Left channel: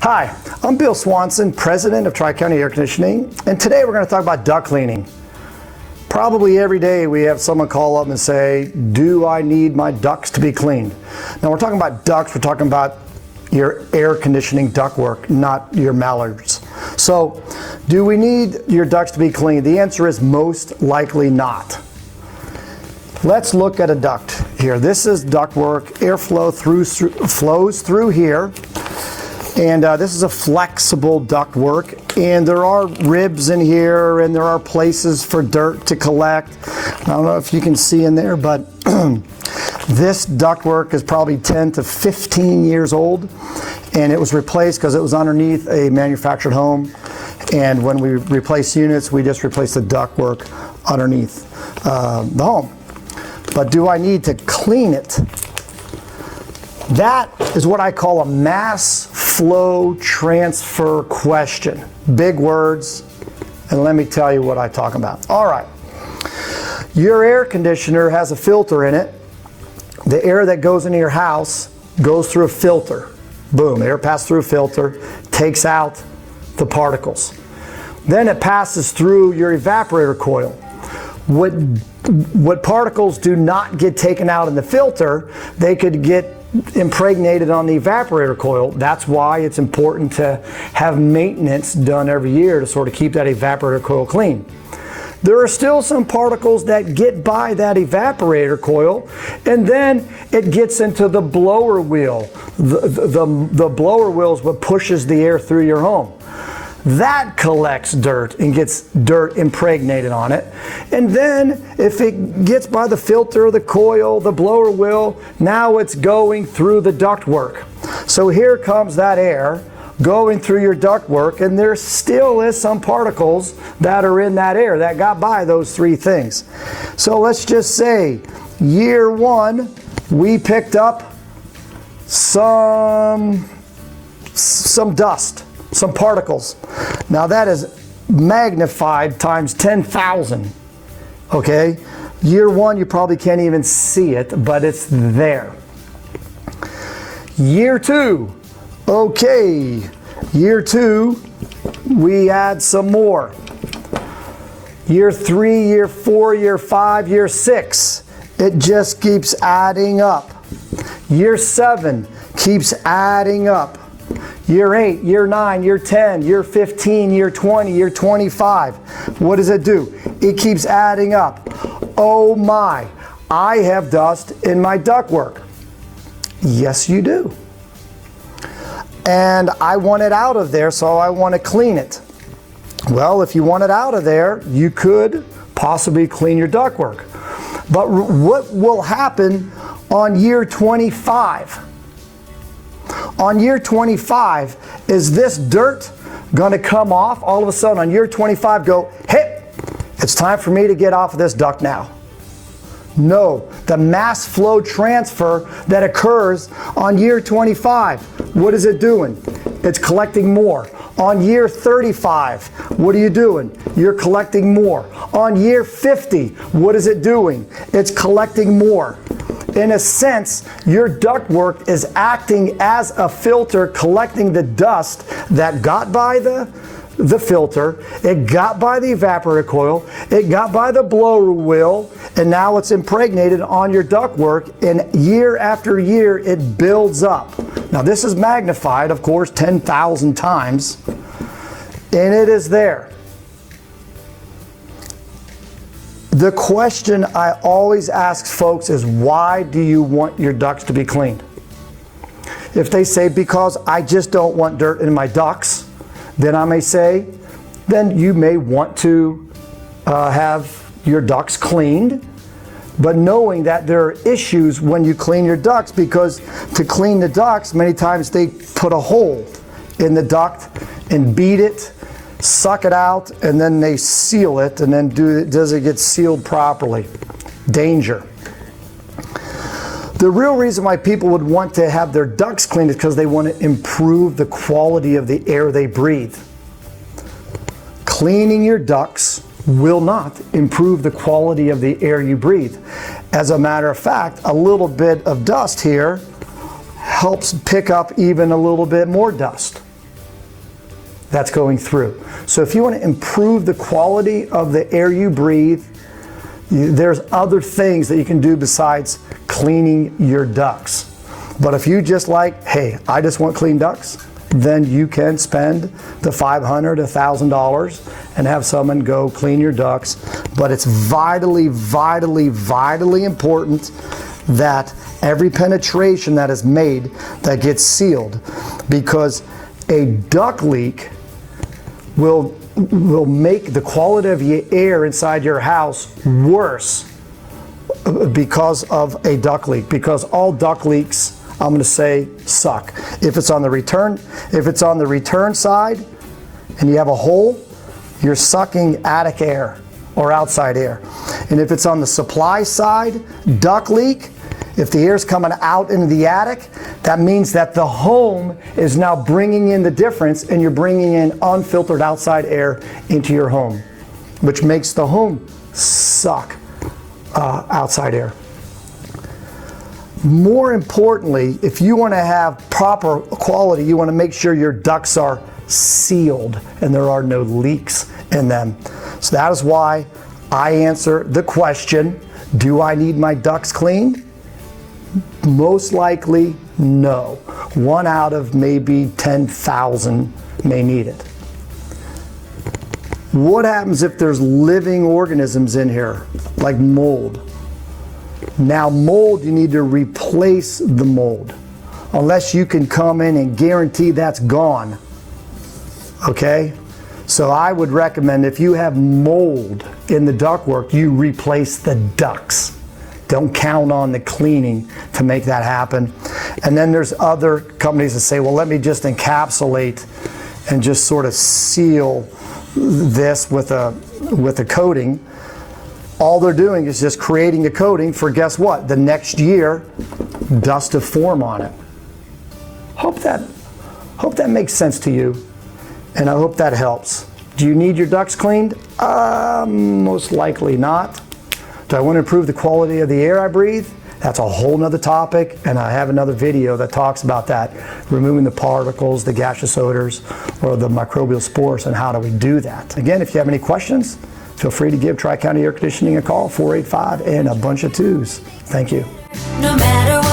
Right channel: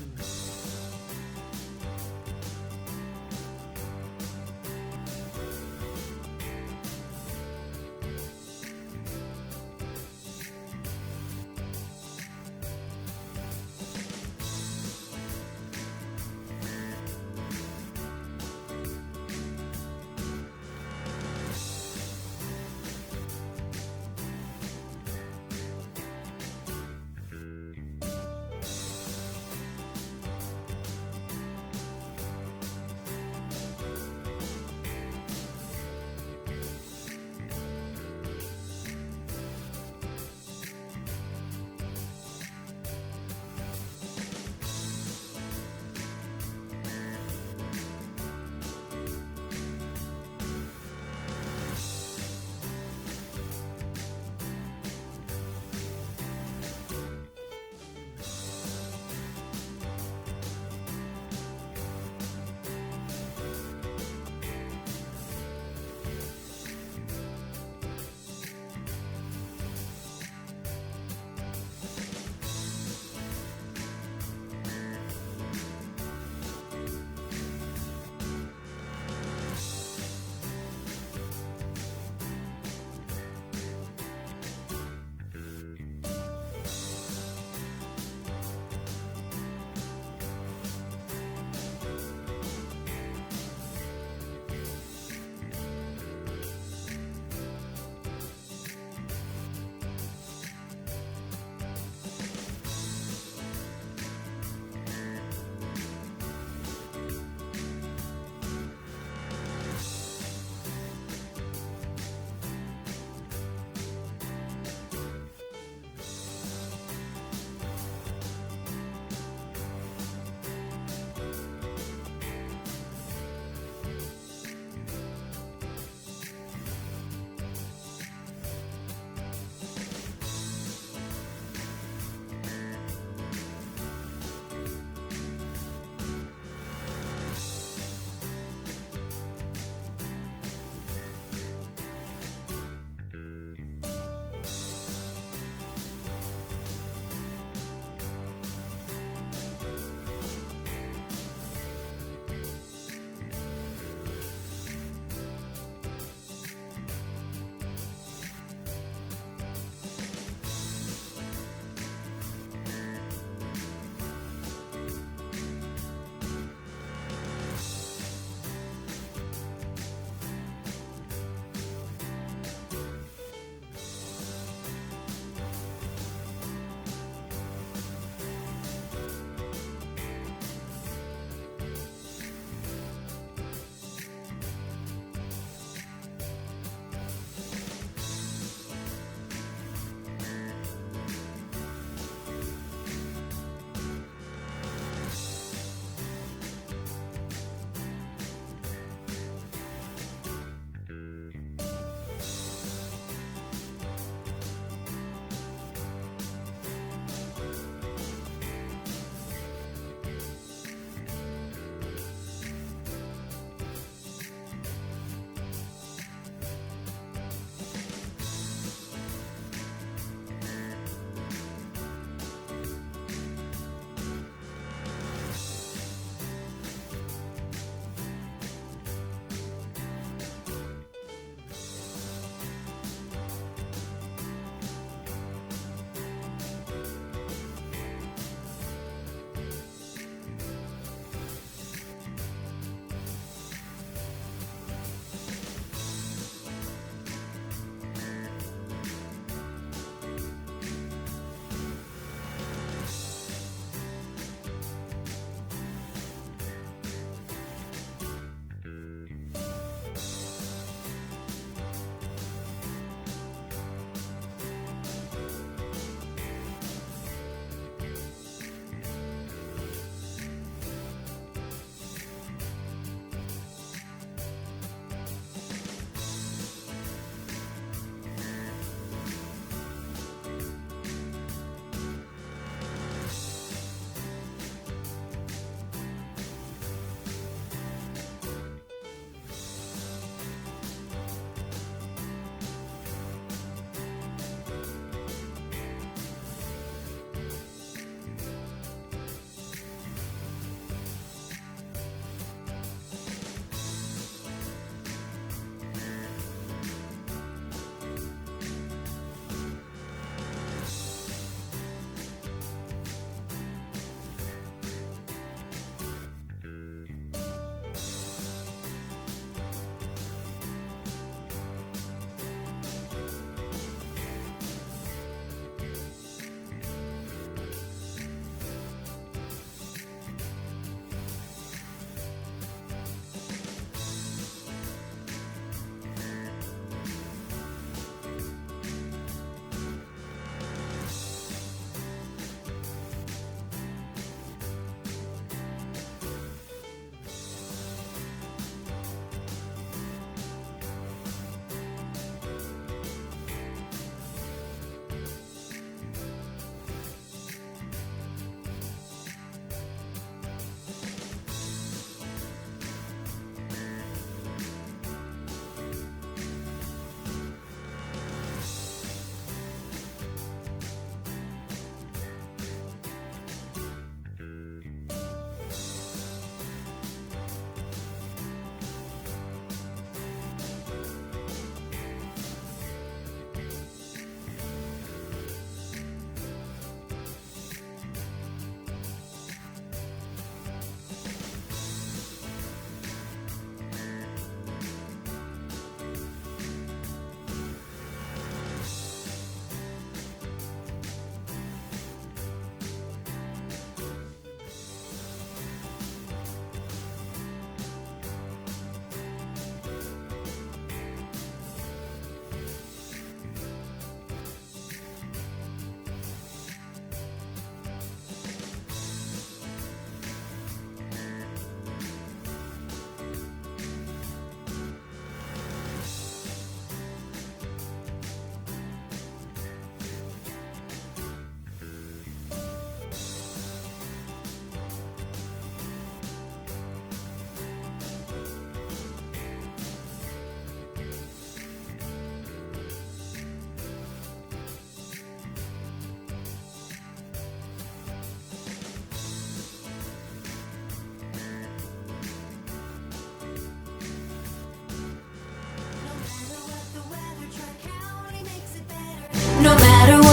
Hi, I'm Bill Swanson, President of Tri-County Air Conditioning, and today we're going to talk about duct cleaning. Probably every day we have someone call up and say, do I need my ducts to be cleaned? Now we're talking about ducts, we're talking about your air conditioning ductwork, not your mallards. So, do we need your ducts to be cleaned? The answer is most likely not. Let's look at a duct here. This is ductwork. Airflow flows through here. And this is a flexible ductwork, and there are ribs in here, and there are places for dirt to collect. I don't know if you can see in there, but this ductwork is probably 10 to 15 years old, and it was replaced because it was underneath a manufactured home. And when we replace units, we just replace the ductwork underneath the home. But do I need to clean it? That is what I call a mass flow transfer question. Big words, and let me tell you what I talk about. All right, your air conditioner has a filter in it. The air that goes into your house goes through a filter. Boom, air passes through a filter, takes out the particles. Then it passes through your evaporator coil. What particles do not get taken out in the filter, they could get impregnated on the evaporator coil. That's why it's important to have maintenance done every year to sort of keep that evaporator coil clean. There are still some particles that get by that evaporator coil, and then it gets into the blower wheel. The blower wheel is what pushes the air through your home. That collects dirt and gets dirt impregnated on it. And then if it gets by the filter, the coil, the blower wheel, now it's going through the ductwork. So here comes that air going through your ductwork, and there still is some particles that are in that air that got by those three things. So let's just say year one, we picked up some dust, some particles. Now that is magnified times 10,000, okay? Year one, you probably can't even see it, but it's there. Year two, okay. Year two, we add some more. Year three, year four, year five, year six, it just keeps adding up. Year seven keeps adding up. Year 8, year 9, year 10, year 15, year 20, year 25. What does it do? It keeps adding up. Oh my, I have dust in my ductwork. Yes, you do. And I want it out of there, so I want to clean it. Well, if you want it out of there, you could possibly clean your ductwork. But what will happen on year 25? On year 25, is this dirt going to come off all of a sudden on year 25 go, hey, it's time for me to get off of this duct now? No, the mass flow transfer that occurs on year 25, what is it doing? It's collecting more. On year 35, what are you doing? You're collecting more. On year 50, what is it doing? It's collecting more. In a sense, your ductwork is acting as a filter, collecting the dust that got by the filter, it got by the evaporator coil, it got by the blower wheel, and now it's impregnated on your ductwork, and year after year it builds up. Now this is magnified, of course, 10,000 times, and it is there. The question I always ask folks is, why do you want your ducts to be cleaned? If they say, because I just don't want dirt in my ducts, then I may say, then you may want to have your ducts cleaned, but knowing that there are issues when you clean your ducts, because to clean the ducts, many times they put a hole in the duct and beat it, suck it out, and then they seal it, and then does it get sealed properly? Danger. The real reason why people would want to have their ducts cleaned is because they want to improve the quality of the air they breathe. Cleaning your ducts will not improve the quality of the air you breathe. As a matter of fact, a little bit of dust here helps pick up even a little bit more dust. that's going through. So if you want to improve the quality of the air you breathe, there's other things that you can do besides cleaning your ducts. But if you just like, hey, I just want clean ducts, then you can spend the $500, $1,000 and have someone go clean your ducts. But it's vitally, vitally, vitally important that every penetration that is made that gets sealed, because a duct leak will make the quality of your air inside your house worse because of a duct leak, because all duct leaks, I'm going to say, suck. If it's on the return side and you have a hole, you're sucking attic air or outside air. And if it's on the supply side, duct leak, if the air's coming out into the attic, that means that the home is now bringing in the difference, and you're bringing in unfiltered outside air into your home, which makes the home suck outside air. More importantly, if you want to have proper quality, you want to make sure your ducts are sealed and there are no leaks in them. So that is why I answer the question, do I need my ducts cleaned? Most likely, no. 1 out of maybe 10,000 may need it. What happens if there's living organisms in here, like mold? Now mold, you need to replace the mold, unless you can come in and guarantee that's gone, okay? So I would recommend, if you have mold in the ductwork, you replace the ducts. Don't count on the cleaning to make that happen. And then there's other companies that say, well, let me just encapsulate and just sort of seal this with a coating. All they're doing is just creating a coating for, guess what? The next year, dust to form on it. Hope that makes sense to you, and I hope that helps. Do you need your ducts cleaned? Most likely not. Do I want to improve the quality of the air I breathe? That's a whole nother topic, and I have another video that talks about that, removing the particles, the gaseous odors, or the microbial spores, and how do we do that. Again, if you have any questions, feel free to give Tri-County Air Conditioning a call, 485 and a bunch of 2s. Thank you. No matter what.